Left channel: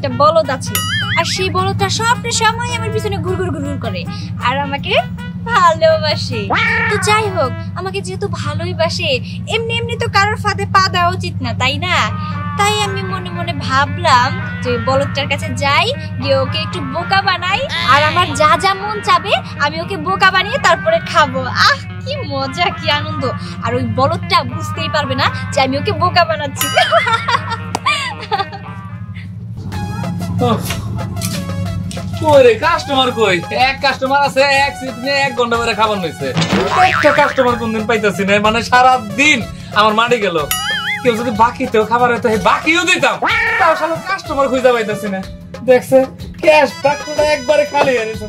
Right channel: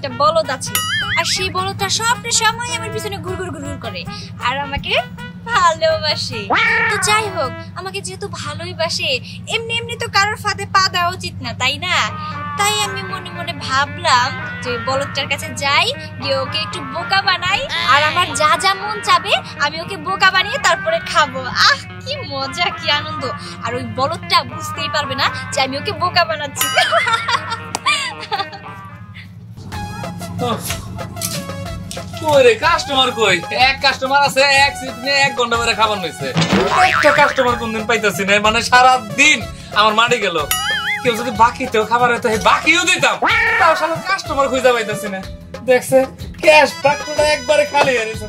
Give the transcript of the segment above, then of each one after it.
একটা বলদ আছে, আর সেই বলদটা সব সময় আমার পিছনে ঘুরঘুর ঘুরঘুর করে আর আমাকে ভালোবাসে। তো যাই হোক, আমাকে যেহেতু ভালোই বাসে, এমনি এমনি তো কারোর ফাঁদে পা দেওয়া উচিত না, তাই না? তাই আমি মনে মনে ভাবলাম যে বলদটার কাছে যাই, গিয়ে ওকে একটু বোকা বানাই, আর আমার যা যা মন চাবে আমি ওকে বোকা বানিয়ে তারপরে খাবো। আহ, কি মজা, কি আনন্দ! আর ওই বলদটা বুঝতেই পারবে না যে আমি ওকে বোকা বানাচ্ছি। কইরে কাস্টমার কই? এক কাস্টমার আছে, এক সিট নিয়ে 1 ঘন্টা ধরে খাবার হইছে। একটা কাস্টমার কোনদিন পাইতাছি না, মানে সারা দিন আমার মাটি গেল। কেউ যদি বাকিতেও খাবার হইতো বাকিও দিতাম, তাও শালা কাস্টমার খুঁজে পাইতাছি না। দেখছে ক্যাশ বাক্সটা একবারে খালি হয়ে গেছে,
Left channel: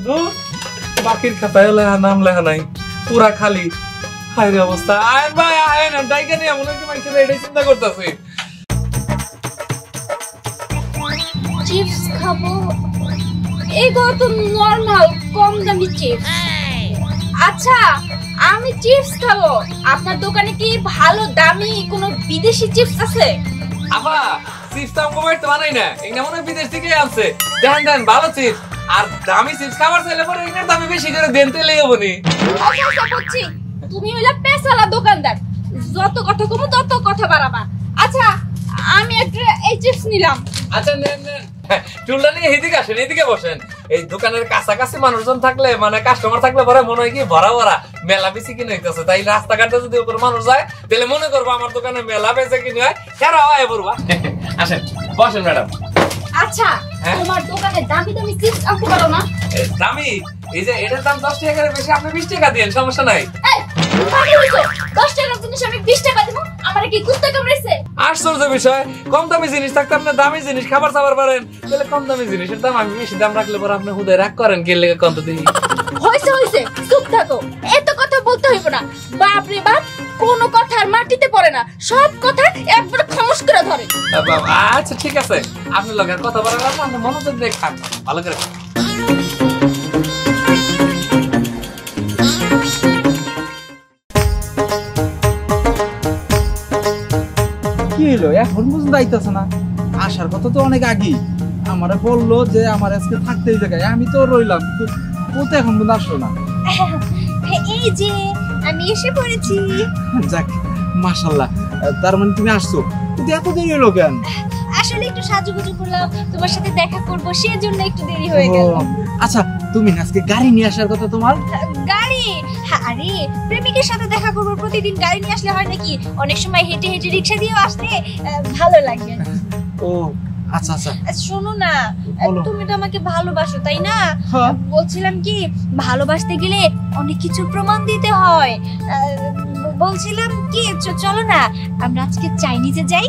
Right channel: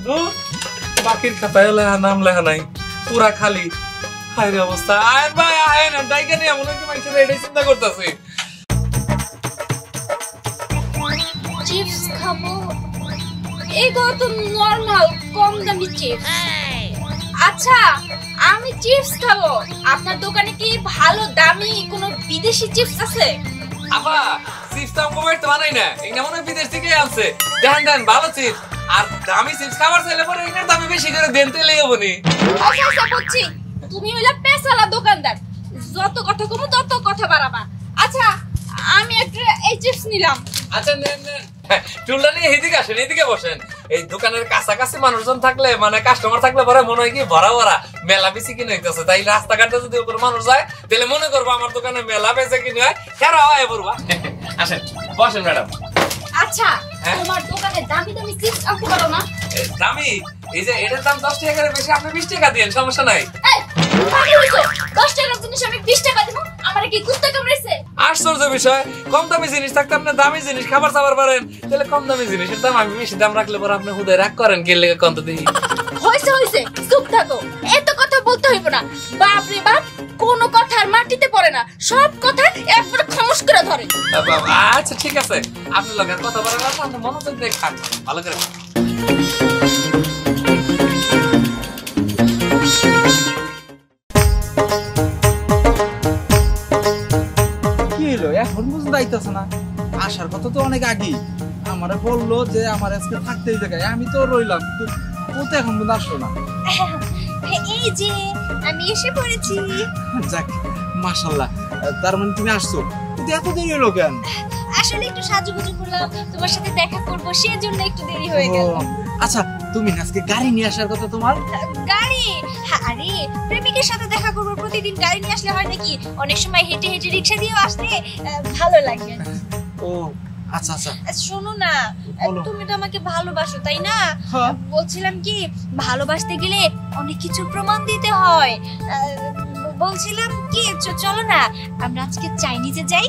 বাকির খাতায় নাম লেখা নাই, পুরা খালি। হায় রে অবস্থা! আয়েন ভাই আয়েন, ডাইকা নিয়ে মনে হচ্ছে মানুষের এটাই চিন্তা করতেছি। চিপস খাবো, এইগুলো তো নরমাল কম দামি চিপস। আচ্ছা, আমি চিপস খাবো, আপনার দোকানে কি ভালো দামি কোনো বিদেশি চিপস আছে? আপা চিপস তো আমি তো বানাই না, এটা মনে হয় বিদেশ থেকে আনছে। দেন দেন ভালো চিপস, আর দামি চিপস খাবার চাইলে পরে এটার দামি বেশি করে দেন তেলেই হবনি। আচ্ছা বুঝছি, তুমি হইলা পেশালা দোকানদার, যত কথা কমু তত কথা বাড়াবা। আচ্ছা, আমি একটা এই চিপস নিলাম। আচ্ছা নেন নেন, চুলটা নিয়ে এদিকে আসেন, এদিকে বসেন। এই দোকানের কাছাকাছি মানুষজন থাকলে, মানে কাস্টমার থাকলে পরে মনে হয় কি ভরা ভরা মেলা বেশি কিনে হইতেছে। তাই রাস্তাঘাটে যদি ওপর মানুষ যায় তাহলে মনে করবো আমার দোকানে মেলা বেচে কিনে হয়, কেন হয় বলবা। আসেন বসেন ম্যাডাম। আচ্ছা, তোমার দোকানে দামি দামি চিপস আনতে পারো না? দামি? এই যে এটার দাম 10 টাকা করে বেশি, আপনি 20 টাকা দিয়েন, সমস্যা নাই। 10 টাকার জিনিস আমি 20 টাকা দিব? আমার কি কুত্তা কামড়াইছে? আশ্চর্য বিষয়, কম দামি জিনিস থাকতে আপনি দামি জিনিস খাবার চাবার পারেন, তাহলে কম দামি জিনিসের দাম আমি বেশি দাম রাখলে পরে আপনি হুদায় রাগ করেন কে লেগে কত দিই। হইছে চুপ থাকো, এত কথা বলতে হইব না। বাপ রে বাপ, কোনো কথা আর মাটিতে পড়ে না, সব কথা একবার খামোশ করে ধরে। আচ্ছা ঠিক আছে, আপনি লগের কথা বলেন, আপনি মনোযোগ দিয়ে খান ভালো করে। কি হলো এখন পর্যন্ত আইতাছে না? আসার কথা তো অনেক আগেই আমারে বললো যে আমার আজকে থাকতেই জায়গায়, আমি তো রইলাম, কিন্তু ও তো এখন পর্যন্ত আসলো না। এই যে আমি এসে পড়েছি। যাক মাশাআল্লাহ, তার মানে তুমি আসছো, কিন্তু এত দেরি হলো কেন? আসলে একটু সাজুগুজু করলাম, তোমার সাথে দেখা করব, সেজন্য একটু দেরি হয়ে গেল। আচ্ছা, তুমি আজকে গাড়ি নিয়ে আসার কথা তোমার? গাড়ি? আরে প্রেমিকের সাথে দেখা করব, প্রতিদিন গাড়ি নিয়ে আসলে হয় নাকি? অনেক সময় হেঁটে হেঁটে রিকশা দিয়েও আসলে ভালো লাগে। ও আচ্ছা আচ্ছা, শোনো না, তুমি তো আমাকে ভালোবাসো তাই না? হ্যাঁ। বলছিলাম কি, ভালোবাসতে গেলে অনেক কিছু প্রমাণ দিতে হয়। বলছিলাম কি, চলো না আমরা আজকে চাইনিজে যাই।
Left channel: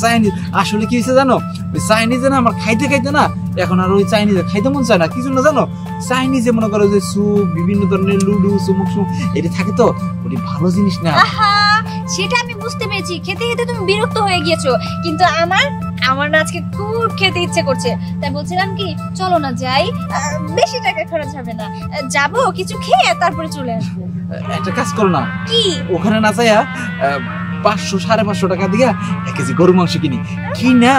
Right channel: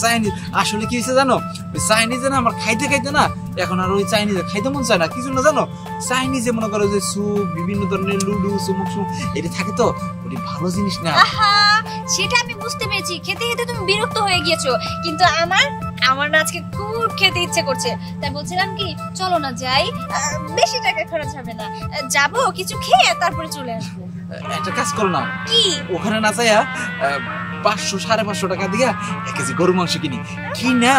চাইনিজ? আসলে কি হয়েছে জানো, ওই চাইনিজে না আমার খাইতে খাইতে না এখন আর ওই চাইনিজে খাইতে মন চায় না। কিছু না জানো, চাইনিজে মনে করো যে স্যুপ, বিভিন্ন ধরনের লুডু, চুমুক সুপ, এটা থাকে তো, ওটি ভালো জিনিস না। সেটা আমি বুঝতে পেরেছি, খেতে খেতে তুমি বিরক্ত হয়ে গিয়েছো, কিন্তু আমার না আজকে খুব খেতে ইচ্ছে করছে। তাই বলছিলাম কি, চলো না যাই, বেশি টাকা খরচ হবে না, যাবো কিছু খেয়ে তারপরে চলে আসবো। একটা কাজ করো না, কি? ওখানে না যাইয়া 500 550 টাকা দিয়া 1 কেজি গরু মাংস কি না,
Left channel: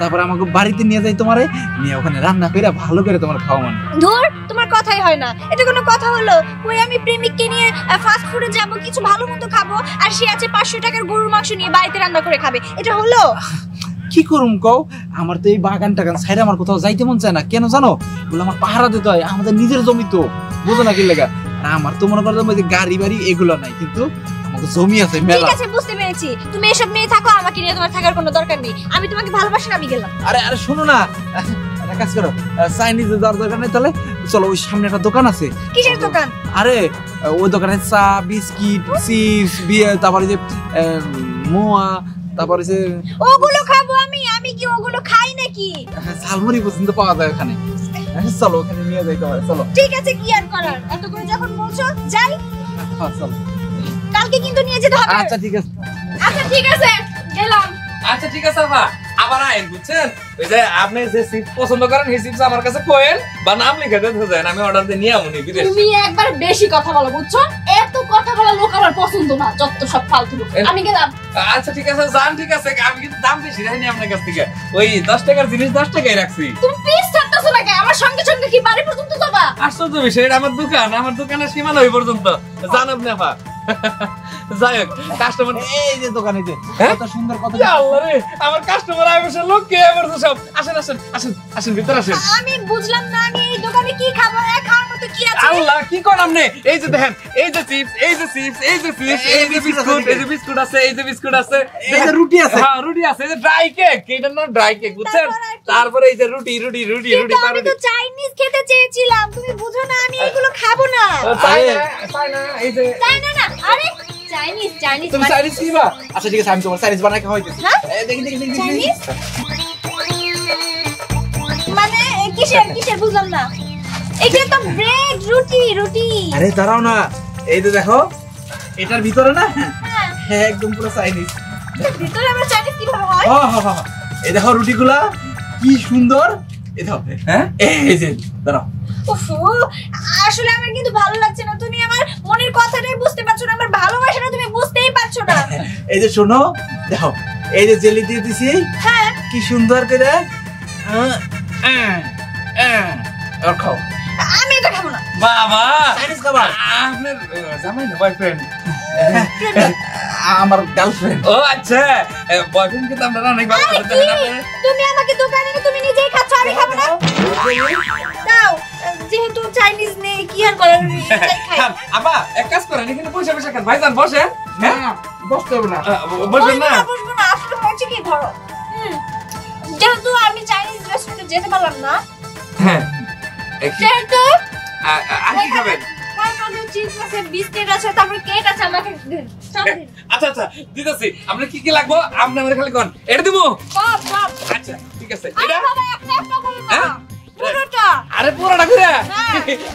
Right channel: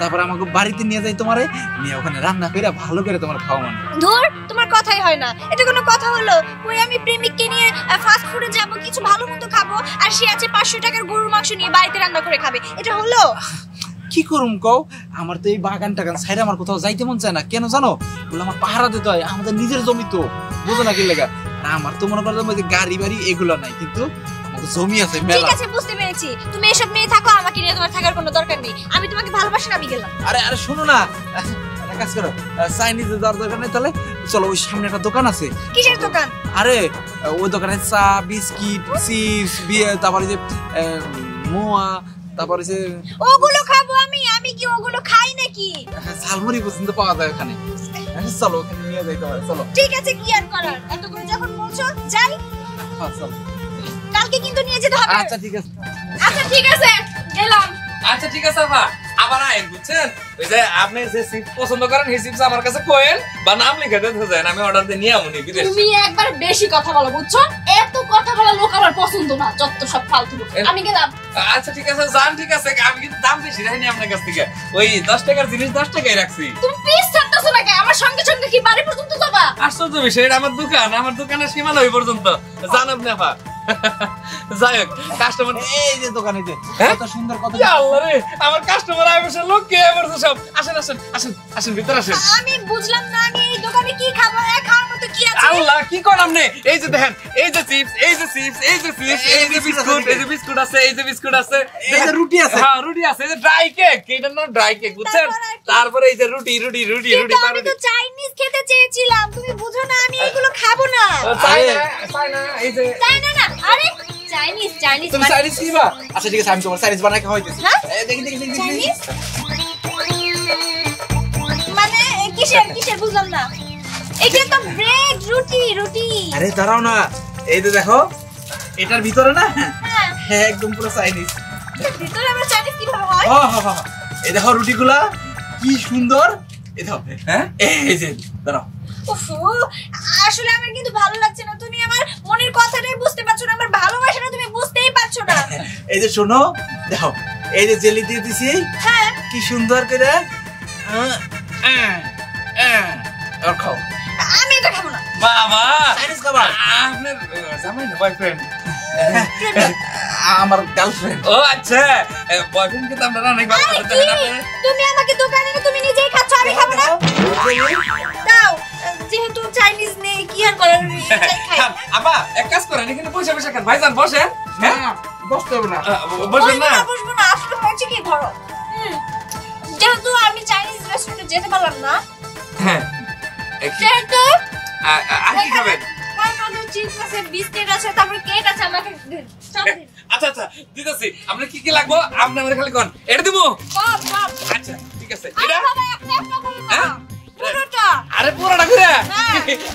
তারপর আমাকে বাড়িতে নিয়ে যাই, তোমারে নিয়ে ওখানে রান্না করে ভালো করে তোমার খাওয়া। মানে ধুর, তোমার কথাই হয় না, এটা কোনো কথা হলো? ওই আমি প্রেমিককে নিয়ে ফাস্ট ফুডে যাবো, কিছু ভালো মন্দ খাবো, আর সে আছে 500 টাকার গরুর মাংস নিয়ে বাড়িতে রান্না করে খাবে, এটা হলো? কি করুম কও, আমার তো এই বাগান টাগান সাইডে আমার কোথাও যাইতে মন চায় না। কেন জানো, বলে আমার পাহারা দিতে হয়, আমাদের নিজের জমি তো, বুঝো না কি লেগা। আমার তো মনে করো যে গাড়ি বাড়ি এগুলো নাই, কিন্তু আমাদের জমি আছে মেলা। ঠিক আছে, বুঝতে পেরেছি, তুমি এসব মেয়ে থাকো, আমাকে নিয়ে তোমার থাকার কোনো দরকার নেই। আমি তোমাকে ভালোবাসি, আমি গেলাম। আরে শোনো না, কাজ করো, চাইনিজে যাওয়ার দরকার নেই, তাহলে চলো ওই সামনে একটা দোকান আছে। কিসের দোকান? আরে ওই দোকানে চা, বিস্কিট, চিপস, বিয়ে, তারপরে যে মোয়া, তারপরে যে ওগুলো খাবো আমি কি ওগুলো খাই নাকি? ঝালমুড়ি পর্যন্ত পাওয়া যায় ওখানে। চলো ওখানে নিয়ে যাইতে হবে, চলো। ঠিক আছে, কি আর করার, এত করে যখন বলছো যাই। চলো, কালকে কিন্তু নিয়ে যেতে হবে। আচ্ছা ঠিক আছে। আচ্ছা ঠিক আছে, গেলাম। আচ্ছা ঠিক আছে আপা, আবার আইন, বুঝছেন? ওই যে আপনি যে চিপস পছন্দ করেন সেই চিপস আমার কাছে কোয়েন বা নাম লিখে দেন, আমি অর্ডার দিয়ে নিয়ে আমুনি বিদেশ। তুমি একবার বেশি কথা বলো, বুঝছো? এত কথা বলা লোক আমার পছন্দ না, যত সব ফালতু লোক। আমি গেলাম। আচ্ছা ঠিক আছে যান, ঠিক আছে। আমি কিন্তু দাম বেশি রাখিনি আপনার কাছ থেকে, ওই 10 টাকার জিনিস 10 টাকাই রাখছি। তুমি পিস ছাড়তেছো নাকি? আমার সঙ্গে সঙ্গে কি বাড়ি পর্যন্ত যাবা? আশ্চর্য বিষয়, এটা আমার দোকান, আমার দোকানের সীমানা ওই পর্যন্ত। জান আপনি আপা। যাই হোক, কাস্টমার এই যে দোকানে যে কত সুন্দর কত আল্লাহ রে, আমার কাস্টমার আইবছে, লোক কে আইবছে সব। আসেন আসেন আসেন আসেন, ভিতর আসেন। আমি বুঝলাম না, আমি এই দোকানে কি খাবো? খাওয়ার মতো কি আছে? আল্লাহ কি কোন আপনি? এই যে দেখেন, এই যে চিপস, এই যে চিপস, এই যে চিপস, এই যে বিস্কুট, এই যে বিস্কুট আছে, এই যে বিস্কুট আছে, এই যে রুটি আছে। হ্যাঁ রুটি আছে, এই যে ড্রাই কেক, এটার নাম ড্রাই কেক, বুঝছেন? তারপরে এই যে রুটি রুটি রুটি রুটি, কিন্তু আমি তো চাইনিজ খেতে চেয়েছিলাম, তুমি বুঝো না আমি এগুলো খাবো না। চাই না, এই যে তাই না না, আরে চাইনিজ চাইনিজ তুমি চাইনিজ কিবা? আচ্ছা ঠিক আছে, আমি তোমার চাইনিজ বানাই খাওয়াইতেছি। হ্যাঁ? দেখি দেখি দেখি চাইনিজ মানে কিসের কিসের বুঝলাম না। এটা তো ব্রেড, রুটি রুটি। আরে দাঁড়াও না, এই যে দেখো এটার ভিতরে না, হ্যাঁ, হ্যাঁ একদম পুরো চাইনিজ। ভিতরে আমরা চাইনিজ কিভাবে হয়? হ্যাঁ হ্যাঁ হ্যাঁ, এই দেখো রুটিগুলা কি সুন্দর। এই দেখো, হ্যাঁ এই যে দাঁড়াও। উফ, আসলে আমার কিন্তু ভালো লাগছে না। তুমি আমার মনের কথাটাই বুঝতে পারছো না, আমার ভালোবাসাটা তুমি বুঝতেই পারছো না। এই যে শোনো, দেখো এই যে জেলি দিয়ে দিছি, হ্যাঁ, কি সুন্দর করে। আর খাও। আমি এটা খাবো না। বাবা, চাইনিজ খাবার। আপনার জামাই না বয়ফ্রেন্ড? আমার গার্লফ্রেন্ড। ও আচ্ছা, বয়ফ্রেন্ড কিন্তু আমরা অনেক ভালো আরে কথা কি? জানেন। তুমি আমাকে দোকানে এনে তুমি নিজেই খাচ্ছ, আমি খাবো না। দাও, যেহেতু চাইনিজ নেই কি আর করার, এটাই খাই। আপা এক কাজ করেন, এখানে পয়সা পয়সা খান, ভাইজান বসেন। হ্যাঁ বসতে হবে না। বসেন না। বসবো না, আজকে হয়েছে কি ধরো। যেহেতু আমি চাইনিজ রেস্টুরেন্টে যেতে পারলাম না, হ্যাঁ সেহেতু আর কি খাবেন? চিপস আছে, বিস্কিট আছে, তারপরে কেক আছে, আমাকে সব দিন। আচ্ছা আচ্ছা দিতেছি। আপনার কি কি লাগবো আপনি আমাদের খালি কোন, এটা দিব। সব সব। আচ্ছা ঠিক আছে। আরে এটা বাবা, একটা একটা করে হ্যাঁ? দাও। পুরোটা। আরে পুরোটা করে হ্যাঁ।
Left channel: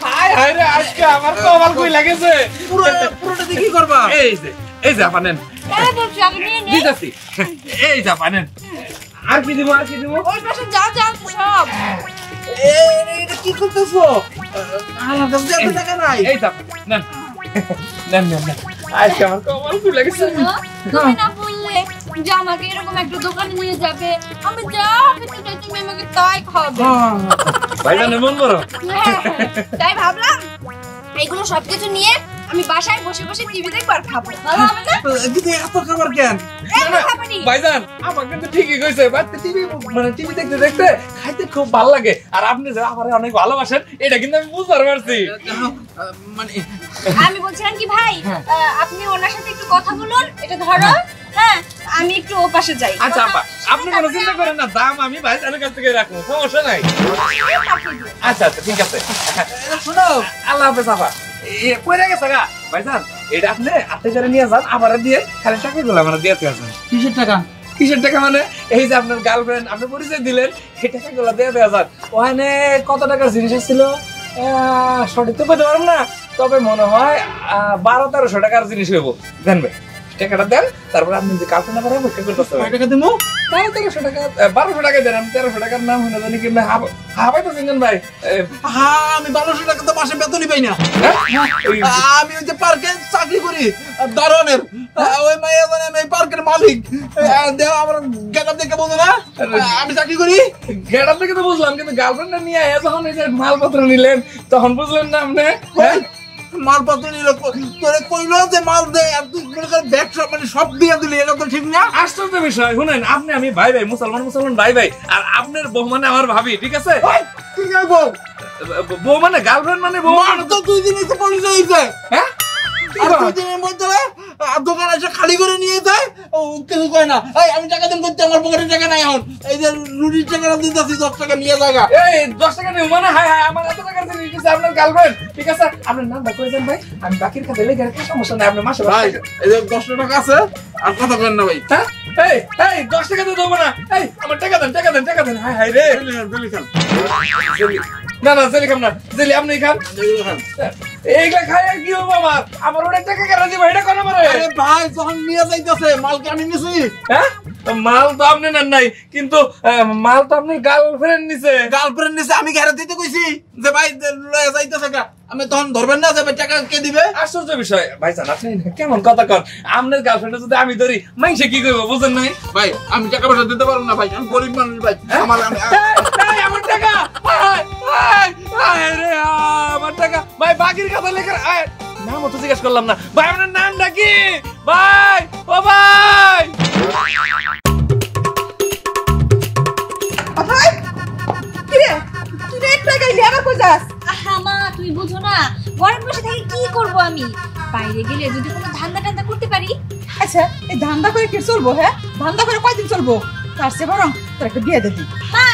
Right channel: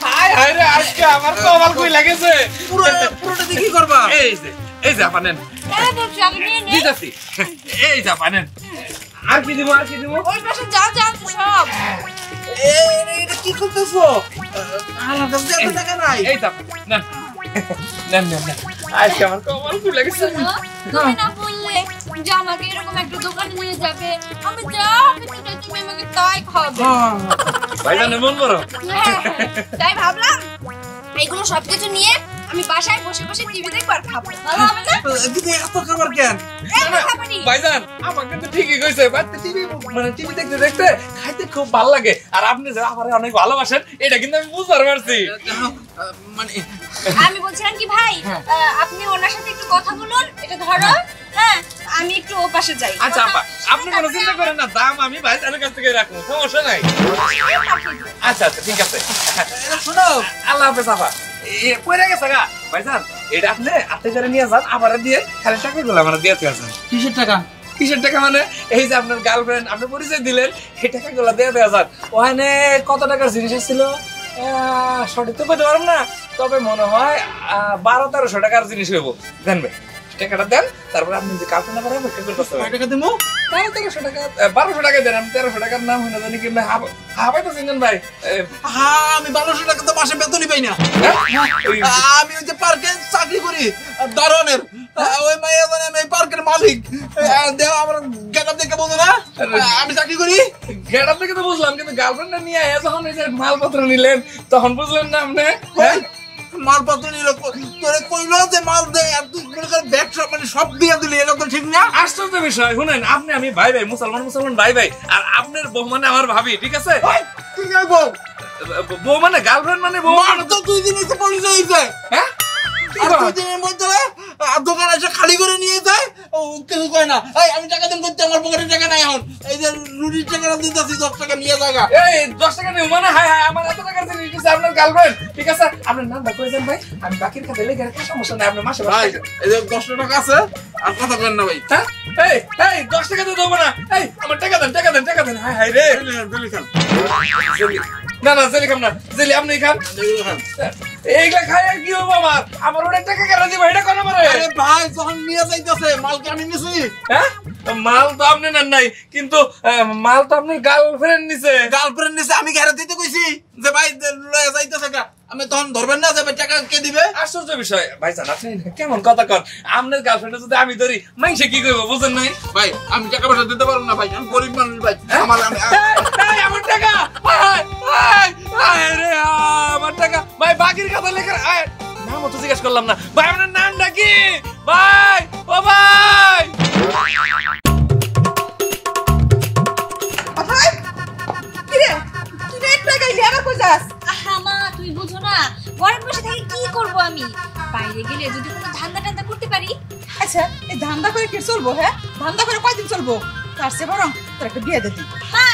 হায় হায় রে, আজকে আমার কপাল কই লাগেছে। পুরোটা দিয়ে কি করবা? এই যে আপা নেন, তাহলে বলছি আমি নিয়ে নেই। দিতেছি। এই যে আপা নেন। আর কি দিব, আর কি দিব? ওই পাশে যা যা আছে সব। এটা কি করতেছো? আমার কাছে এত টাকা নাই। এই যে আপা, নেন নেন নেন নেন। আজকে আমার কপাল কই লাগেছে। তুমি না বললে যে আমাকে এরকম একটা দোকানে নিয়ে যাবে, আমি যা হবে সেটা তুমি আমাকে তাই খাওয়াবে। ভাইজানের মন বড়। হ্যাঁ, তাই ভাবলাম এগুলো সবকিছু নিয়ে আমি বাসায় বসে বসে টিভি দেখবো আর খাবো, ভালো হবে না? কিন্তু এত খাবার কেন? এত খাবারই। ভাইজান আমার কিন্তু ঠিকই কইছে, বাচ্চা টিভি মানে টিভি দেখতে দেখতে খাইতে খুব ভালো লাগে, আর আপনি যে আমারে অনেক ভালোবাসেন এটা কিন্তু আমি বুঝতে পারছি। মানে আমি বলছিলাম কি ভাই, আপনি ওনার সাথে একটু কথা বলুন, এটা ধরো। হ্যাঁ, আমি একটু ও পাশে যাই। আচ্ছা আপা, আপনি কোনো চিন্তা করেন না, দাম আমি ভাইজানের কাছ থেকে রাখবো, সমস্যা নাই। আচ্ছা আচ্ছা ঠিক আছে। শোনো, আল্লাহ হাফেজ আপা। কইরা গেছে গা ভাইজান, এটা আপনি হাতে করে নিয়ে যান, আবার দিয়ে খালি টাকা গুলো আমার দিয়ে আসেন। কিসের টাকা? কিসের টাকা মানে? এই যে আপনার গার্লফ্রেন্ড আপনি পরিচয় দিলেন, এই টাকাগুলো দিয়ে দেওয়া যান। ওখানে কত টাকার জিনিস ছিল সঠিক তো বলতে পারব না, তবে মনে হয় 1200-1300 টাকার জিনিস হইব। দেন ভাই টাকাটা দেন, তারপরে আপনি যে কালকে না পারেন ওকে করতে কয় টাকা দেবো? 1300 টাকা 1200 টাকা দেন, আমি 1300 টাকার নাম হইনা জানি কি হাবাই তো চিনেন ভাই। হ্যাঁ, আমি 1200 টাকা তো মাসে বেতনই পাই না। আমি ওই যে পার্কে চাকরি করি দারোয়ানের। ওই মাইয়া জানে আমি এই পার্কের মালিক। দেও আমার গেটআপ দেখে বলতো না আমি চাকরি করি। গেটার থেকে তো বুঝলাম, কিন্তু গার্লফ্রেন্ড নিয়ে যখন এই যে মালপত্র নিলেন তখন বুঝলেন না আপনি? মালপত্র নিল, তোরে কইলো যে মাল দেয় আর তুই মনে কর ব্যাগ সব মানে সব দিয়ে দিলি, এটা তো ঠিক না। আশ্চর্য বিষয়, শুনেন আপনি আমি ভাই ভাই, মুসলমান মুসলমান ভাই ভাই, আর আপনার বউ মানে আমার ভাবি, ঠিক আছে? তুই যাই বউ, বউ মানে গার্লফ্রেন্ড মানে বউ মার তো 2 দিনই তো পরিচয় হয়েছে। হ্যাঁ আর 2 দিনের মধ্যে দোকান এসে খালি করে নিয়ে যায়, ও কিছু কয় না। এই আমি টাকা দিন করতে, আমার পকেটে টাকা নাই এখন। এই যে রুটির টাকাটা দিতেছি 10 টাকা নিয়ে জায়গা। এই 10 টাকা নেই মানে, হাই হাই আমার এত টাকা জিনিস দিচ্ছে আপনার গার্লফ্রেন্ড, ঠিক আছে? আপনার নাম ডাক করেছেন ভাই, আমি বাকির খাতে লেগে রাখি, সমস্যা নাই, আপনার মাসে ভাই এই যে 10 টাকা আছে, আর কথা করেন না ভাই। হ্যাঁ এই এই 10 টাকা তো দেবো না, এই আমার টাকা দেন টাকা দেন টাকা দেন। হাই হাই রে, না না জেলি খাম না, জেলি আপনি খান। এইগুলা খাই আর কি হবো আমার, আমার অনেক টাকা কেন দিব, এটা কেন পারে? আরে ভাই যখন নিয়ে যাইতেছে মাল কি আমি নিছি? হ্যাঁ মাল তো আপনি নেন নাই, কিন্তু মাল তো আপনার গার্লফ্রেন্ড নিছে। গার্লফ্রেন্ড নিছে, আমি ঘরে দিতে কইছি যে ভাই লয়ে যাইতেছে গা। আমি তখন ধরবেন না যে টাকা কে দিবে? আশ্চর্য বিষয় ভাইজান, আপনি কেমন কথা কন? আপনার গার্লফ্রেন্ড যদি আমি ধরি মাইসে কি করবো বুঝেন নাই? ভাই আমি টাকা পয়সা দিতে পারবো না ভাই, আমি গরিব মানুষ ভাই। আমার আমার টাকা আমার টাকা ভাই, বাকির কথা লেখা নাম তো জিজ্ঞেস করলাম না ভাই, আপনার নামটা কি ভাই? ও ভাই মা তুই বুঝো না, ঘরে বসে থেকে কি করব আমি? বাইরে গেলে যদি কোনো ধান্দা টান্দা করতে পারি। আচ্ছা এই ধান্দা করে কি চলবো? হ্যাঁ ধান্দা করে কয়দিন চলবো? তার চেয়ে বরং তোর একটা বিয়ে দিবি। মা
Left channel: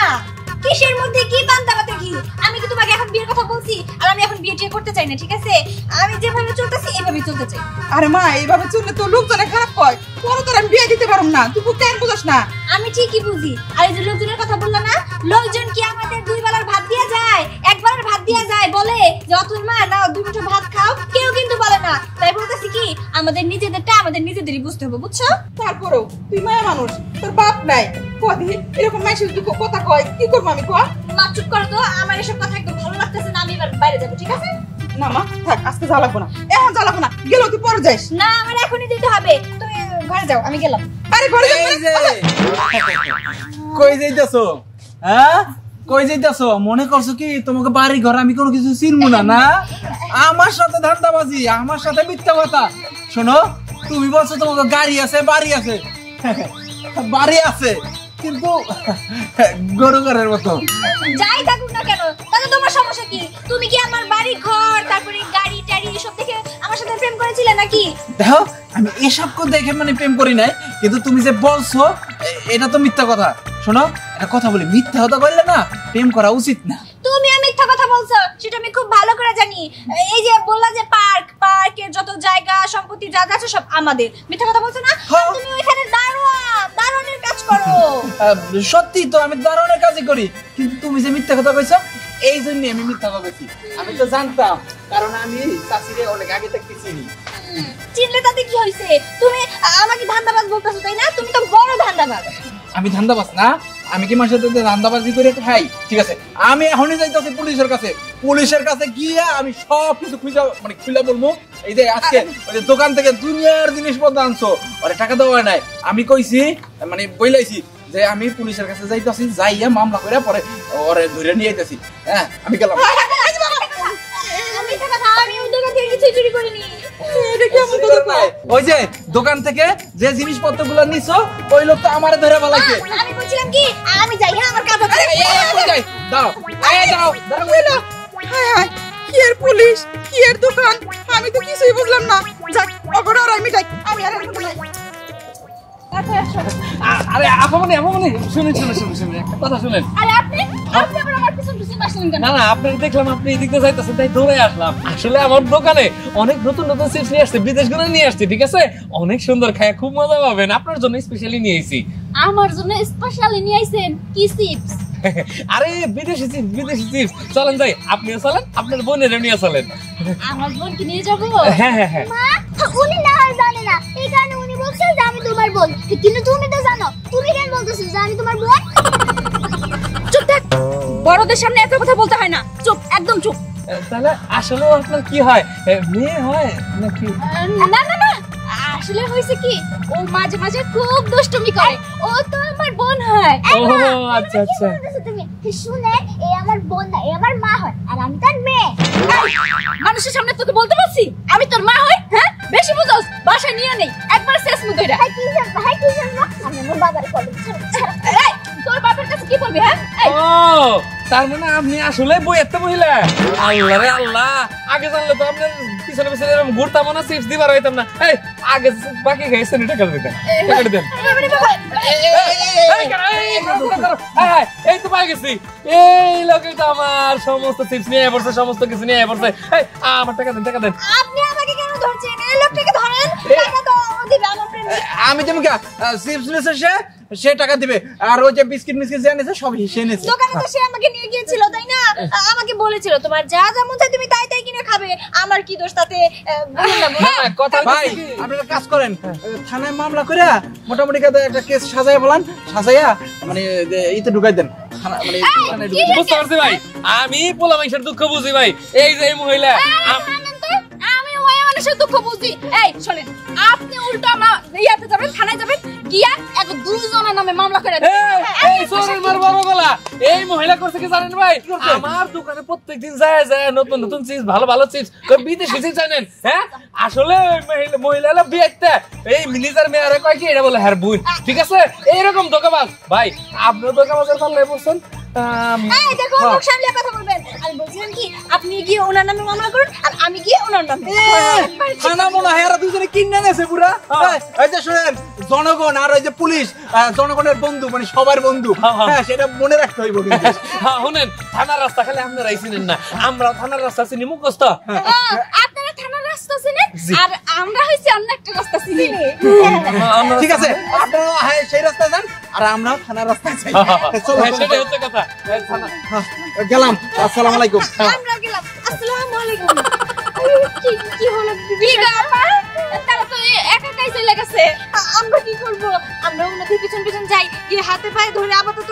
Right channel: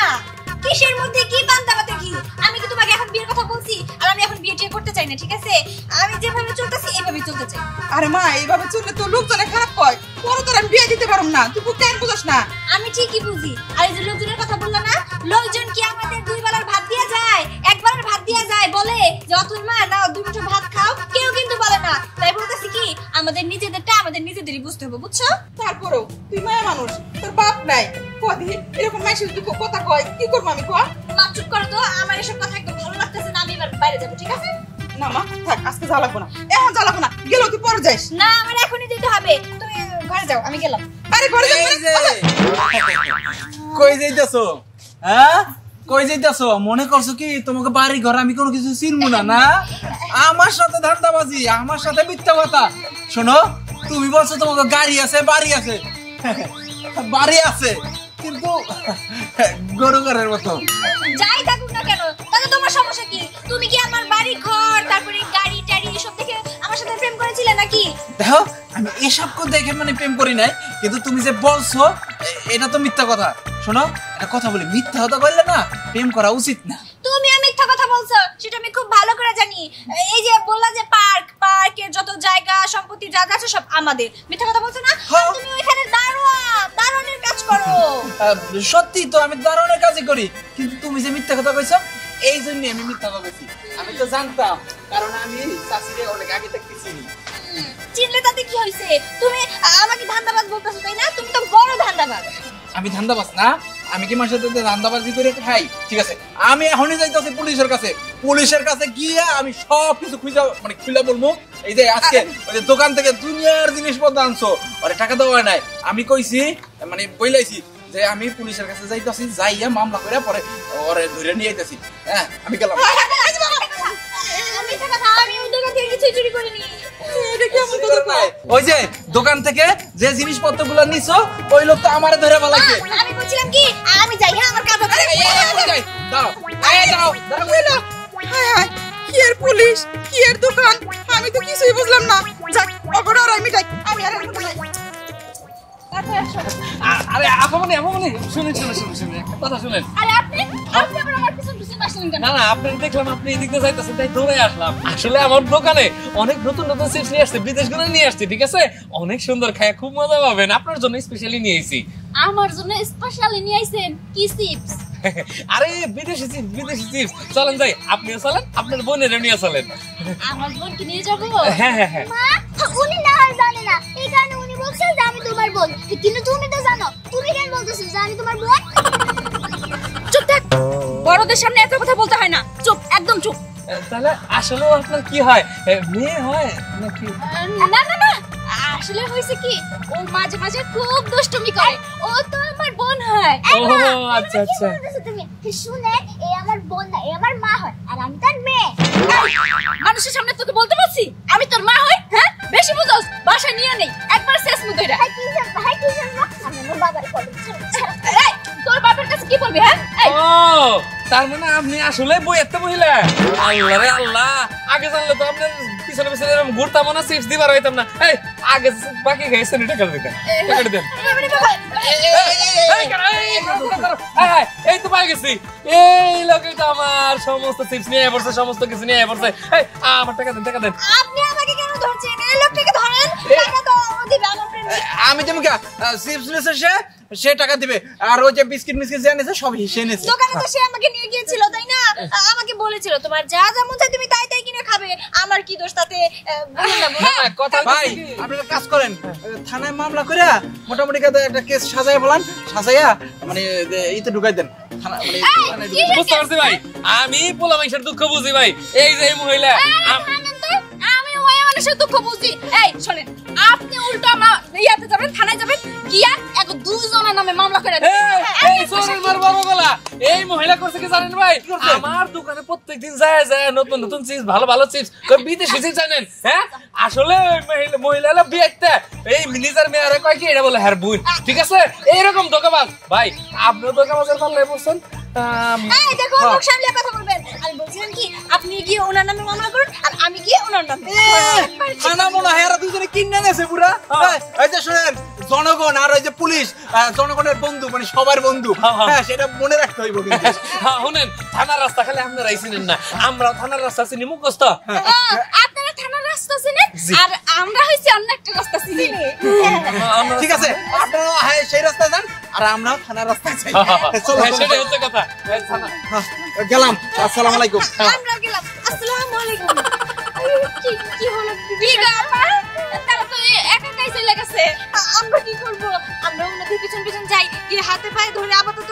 কিসের মধ্যে কি বান্দা বাতে কি? আমি কি তোমাকে এখন বিয়ের কথা বলছি? আর আমি এখন বিয়ে টিয়ে করতে চাই না, ঠিক আছে? আমি যেভাবে চলতেছি এইভাবেই চলতে চাই। আরে মা এইভাবে চললে তো লোকজনে খারাপ কয়, পরে তোর আমি বিয়ে দিতে পারবো না। তুই কেন বুঝছ না? আমি ঠিকই বুঝি। আর এই যে লোকজনের কথা বললাম না, লোকজন কি আমাদের দুই বেলার ভাত দিয়া যায়? একবারের ভাত দিয়া যায়? বলে যে অতুল মা নাও দুই মুঠো ভাত খাও, কেউ কিন্তু বলে না। তাই বলতেছি কি আমাদের নিজেদেরটা আমাদের নিজেদেরই বুঝতে হবে, বুঝছো? তারপরেও তুই মায়া মানুষ, তোর বাপ নাই, কদি এরকম মাইসের যদি কথা কয় কি করবো আমি? কয় মা চুপ করো তো, আমার এসব কথা একদম ভালো লাগতেছে না। আমি এবার বাইরে যাবো, ঠিক আছে? না মা থাক, আজকে যা লাগবো না, এখন যা লাগবো না, গেলেও তুই পরে যাইস। না আমার এখনই যেতে হবে, তুমি ঘরে যাও, আমি গেলাম। আরে ঘরে যাও। এই যে কই যাইতাছো? হ্যাঁ কই যাইতাছো? মনে করছো কি তোমাকে বাড়ি ঘর আমি কোনো কিছু চিনবো না? না আমার সাথে ধান্দাবাজি, আমার সাথে মিথ্যা কথা। শোনো তুমি বলছো তোমাকে গাড়ি আছে বাড়ি আছে, বাড়ি আছে কিন্তু গরু ঘরের মতো। যাই থাকুক না কেন, তাহলে তোমার সমস্যা কি? তুমি কি আমার বাড়ি ঘর তারপরে গাড়ি টাড়ি এসব দেখে আমার সাথে প্রেম করেছিলে নাকি? দেখো আমি এসব দেখে মানে প্রেম করি নাই, কিন্তু তুমি যে বলছো এটা তো মিথ্যা কথা। শোনো একটা কথা বলি, মিথ্যা কথা বললে না প্রেম করা উচিত না। তুমি মিথ্যা কথা বলছো সেটা আমি খুব ভালো করে জানি। এই যে বললা যে পার্কের যত জায়গা সম্পত্তি যা আছে সব আমাদের, মিথ্যা কথা বলছো না? আর তুমি ওইখানে দারোয়ানের কাজ করো। সত্যি তো আমি দারুণের কাজই করি, কিন্তু তুমি যে মিথ্যা কথা কইছো এই জন্য আমি মিথ্যা কথা কইছি। আমি তো জানতাম, কারণ আমি চাচিরে অনেক আগে থেকে চিনি। চিনলে তাতে কি হইছে? তুমি আমাকে ধান্দাবাজ বলতেছো তাই না? তুমি তো বড় ধান্দাবাজ। আমি ধান্দাবাজ না? আমি কি মাসে ধান্দাবাজি করে খাই? ঠিক আছে আমি এখনই যাইতেছি পুলিশের কাছে। পুলিশের কাছে গিয়ে আমি সব কিছু খুলে বলবো। এই যে আজকে ওই যে দোকান থেকে দুনিয়ার জিনিসপত্র আনছো, ওরে টাকা দেওয়া হয় নাই, আমি কইছি মানে বইলাইছি যে আমি পুলিশের কাছে যাইতেছি, যাইয়া মামলা করে পরে ওরে ধরে নিয়ে আইতেছি। হ্যাঁ আমি গেলাম। আমি ওই দোকান থেকে কিছু চুরি করিনি। ওই যে দোকান থেকে যে জিনিসপত্র গুলো নিছো ওই লোক তো আমারে ধরে বলাইছে। আমি বলছিলাম কি আমি যাই, হ্যাঁ আমার কাজ আছে। দাও কি আর পুলিশ কি আর দোকান, আমি তো কিছুই বুঝলাম না। যাক অগর আর আমি যাই, আমি আর আরে আপনি শুনেন একটা কথা শুনেন। আরে আপনি আবার আমার পিছন পিছন আসলেন কেন? না আপনাকে দেখলাম আপনি এদিকে যাইতেছেন তাই দৌড়ে আসলাম। আসলে আমার দোকানে অনেক নতুন চিপস নিয়ে আসছে, বিদেশ গুলো নিয়ে আসছে, ঠিক আছে? অনেক সুন্দর, খায় খুব মজা পাবেন। আপনার জন্য স্পেশালি নিয়ে এসেছি। আমার জন্য স্পেশালি নিয়ে আইছেন কি চিপস? আরে বিদেশি চিপস। চলেন যাই, আপনিও চলেন, আপনার বোনের নিয়ে চলেন। আমার বোনকে নিয়ে যাবো? হ্যাঁ মা উনি না হয় জানে না, এই কারণে উনি বলছে যে আমি তোমার বোন, কিন্তু তুমি তো জানো। তুমি কেন বলতেছো যে আমি তোমার বোন? চুপ থাক, বড়দের সামনে এত কথা বলতে হয় না। চুপ, একদম চুপ। তাহলে আসলে আপনার কি হয়, মেয়ে হয় নাকি? না না না, আসলে হয়েছে কি ও মাঝে মাঝে খুব দুষ্টুমি করে, ও তো আমার বোন হয়। ও আচ্ছা আচ্ছা। কি বলতেছো তুমি? শুনে এ আমার বোন না, এ আমার মা হয়, আর আমি তার মেয়ে। মানুষের সামনে তোকে বলতে বলছি আমি তোর মা হই? হ্যাঁ বেশি বুঝোস, বাসায় নিয়ে নেই একবার শেষ মুখেরা। হাই কি জানো, হাই কি জানো, আমি আমার বাবার কথা এই তোর বাবার কাছে কি বলবি? হ্যাঁ ও তার মানে আপনি আসলে বই একটা মহিলা? আল্লাহ রে আল্লাহ, আগে জানলে তো আপনার পিছনে পিছনে এরকম ঘুরতাম না, চিপস দিবার হইতাম না। এই আগে বাকি খাইছেন টাকা দিতেন, টাকা দেন। এই তো পাই গেছি, এই লোকে তো আমার সমস্ত চিপস নিয়ে পড়ছে, সমস্ত কিছু নিয়ে পড়ছে। এই আমার টাকা দেন, টাকা দেন। আপনি আমাকে কেন ধরছেন? এই লোকটাকে ধরেন, টাকা তো দিবে আমার ফ্রেন্ড। আমি তুমি চিপস নিয়েছে সে টাকা দিবে, আর ওই যে বিস্কিট যে এনেছে সব সে নিয়েছে। দোকানে তো সে আমাকে নিয়ে গিয়েছিল তাই না? আমাকে বলেছিল তোমার যা যা মন চায় তুমি তাই তাই কিনে খাবে, আমার কি দোষ তাতে? হ্যাঁ কথা ভাই আপনারা কাজ করেন, থানায় মামলা করে মোটামুটি একটা কেস সাজাইয়া বলান, সাজাইয়া মানে ইতে ঢুকাই দেন। থানা মানে থানায় কি ঢুকে- বুঝতে পারছি ভাই, আমি পোলা মানুষের দুঃখ বুঝি ভাই। এই যে এই মহিলা আমি ওই মানুষের দুঃখ বুঝি। এই শোনেন, আপনি উল্টো ইয়াতে যাবেন, থানায় যাবেন, গিয়া এক দুজনের নামে মামলা করে দেবেন। এই চোরের মার বড় গলা, এই মহিলা করছে কি জানেন ভাই? আমার দোকানে প্রত্যেকদিন যায় যায় নতুন নতুন চিপস, ভালো ভালো চিপস, বিদেশি চিপস জানেন। হ্যাঁ আসলে মহিলা বিয়েতে এই নিজের মেয়ারে কয় কি এটা বলে হ্যাঁ বুন, ঠিক আছে? এইরকম দোকাবাজ ভাই, আপনিও দোকাবাজের পাল্লায় বসছেন। এই দেখো মুখ সামলে কথা বলবেন। আমি বলছিলাম কি আপনি গিয়ে ওনার নামে মামলা করুন আর আমি গিয়ে ওনার নামে। থানা মনে হয় এরা দুজনে কিনে নেছে পুরা। এই যে শুনেন, জনগণ আর ওই যে পুলিশ জনগণের বন্ধু, মানে সবার বন্ধু। হ্যাঁ সেটা মনে রাখতে হইব কিন্তু। হ্যাঁ শুনেন, থানার রাস্তা খালি আপনারাই চিনেন না, আমরা থানার রাস্তা চিনি মুখস্থ। আপনারা থানার রাস্তা চিনেন আর আমরা হইছি অন্য একটা রাস্তা চিনি। ঠিক আছে, আপনারা হ্যাঁ সেই রাস্তায় যান আর আমরাও থানার রাস্তায় যাই। চলো হ্যাঁ, সেটাই হচ্ছে কথা। এই থানা গেলাম। আসসালামু আলাইকুম। আমরা গেলাম। আসসালামু আলাইকুম। কি হলো কি ব্যাপার? তারা তো একাই চলে গেছে। আমরা কি করব? আমরা ওনাদের পিছন পিছন যাই, গিয়ে হাতে পায়ে ধরে আপাতত